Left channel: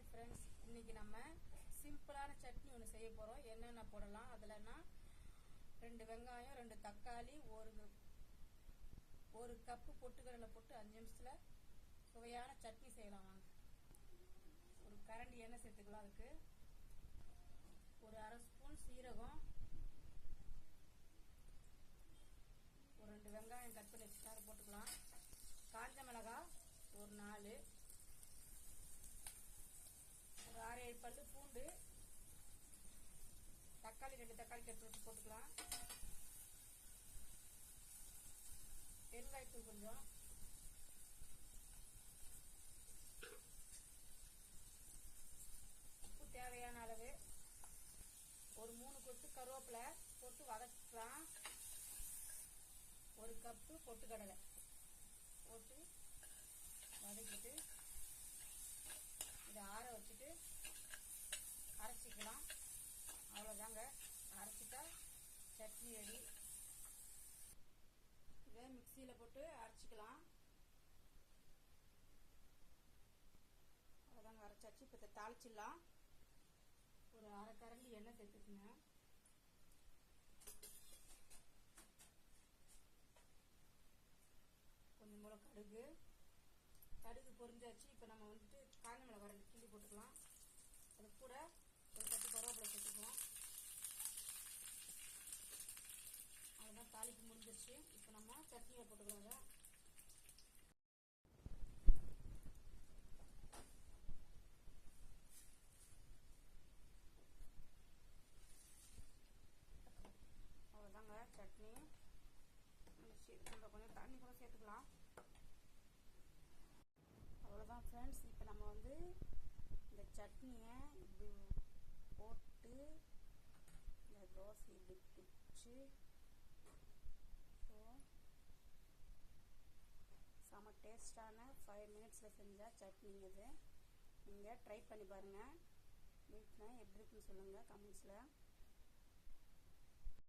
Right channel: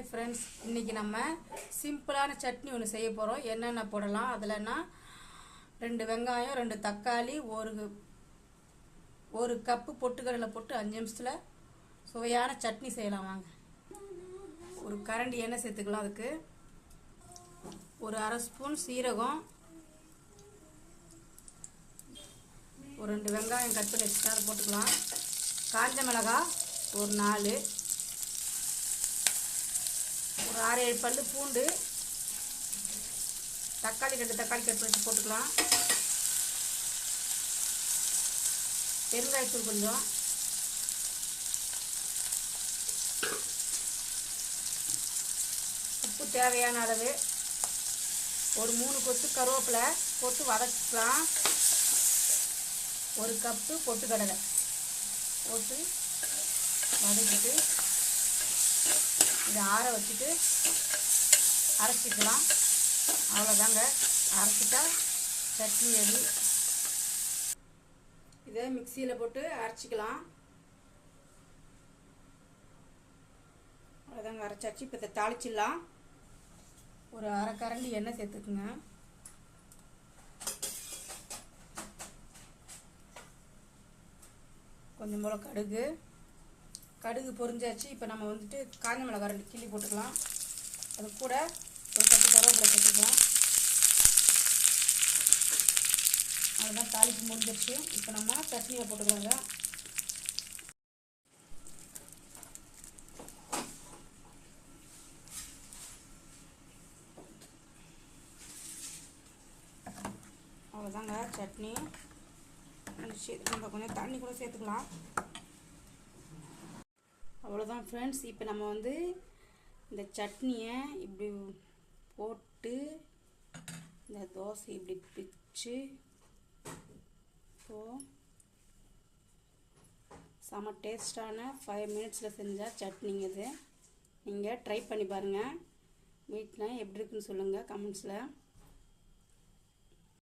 Hi friends, இன்றைக்கி நம்ம சிம்பிளான சட்னி ஒன்று செய்ய போகிறோம். என்னென்ன போடலாம் அதில்னா 2 வெங்காயம், 2 தக்காளி, ஒரு கப்பு பொட்டுக்கடலை போட்டு 5 நிமிஷத்தில் சுவையான சட்னி செய்யலாம். வாங்க. ஒரு கரண்டி எண்ணெய் சேர்த்துக்கலாம். அதுக்கு ஒரு அரை ஸ்பூன் சீரகம், ஒரு 2 வெங்காயம் கட் பண்ணி வச்சுட்டு அதை போட்டுக்கலாம். காஞ்ச மிளகாய் ஒரு 4, ஒரு 6-7 பல்லு பூண்டு, தக்காளி 2 தக்காளி கட் பண்ணி போட்டுக்கலாம். பெருங்காயத்தூள் கொஞ்சம், உப்பு தேவையான அளவு, ஒரு 3 கொத்து கருவேப்பிலை போட்டு வதக்கிக்கலாம். ஒரு கப்பு பொட்டுக்கடலை போட்டு வதக்கிட்டு இதை ஆற வச்சுட்டு அரைச்சிக்கலாம். அவ்வளோதாங்க, அரைச்சிட்டா சட்னி ரெடி. இதை மிக்சியில் போட்டு அரைச்சிக்கலாம். அவ்வளோதாங்க, அரைச்சாச்சு. இப்போ இதை தாளிச்சிடலாம். ஒரு அரை கரண்டி எண்ணெய் சேர்த்துக்குங்க. கொஞ்சம் போல் கடுகு பொரிஞ்சாச்சு. இப்போ நம்ம வந்துட்டு காஞ்ச மிளகாய் 2 கிள்ளி போட்டுக்கலாம். அது கூட ஒரு 10 கருவேப்பிலை சேர்த்துக்கலாம். அதுதான் தாளிப்பு முடிஞ்சிருச்சு. இப்போ நம்ம சட்னியை போட்டுக்கலாங்க. அவ்வளோதாங்க, சட்னி நம்ம கொஞ்சம் தண்ணி கூட சேர்த்துக்கலாம். அவ்வளோதான் ஃப்ரெண்ட்ஸ். இப்போ நம்ம வந்து இந்த சட்னியை இப்படி போட்டு இந்த தோசை இப்படி பிச்சு செம டேஸ்டான 5 மினிட்ஸில் செஞ்சால் சட்னிங்க. இது நீங்கள் ட்ரை பண்ணி பாருங்கள். வீட்டில் எப்படி இருக்குன்னு சொல்லுங்கள் கமெண்ட்ஸில்.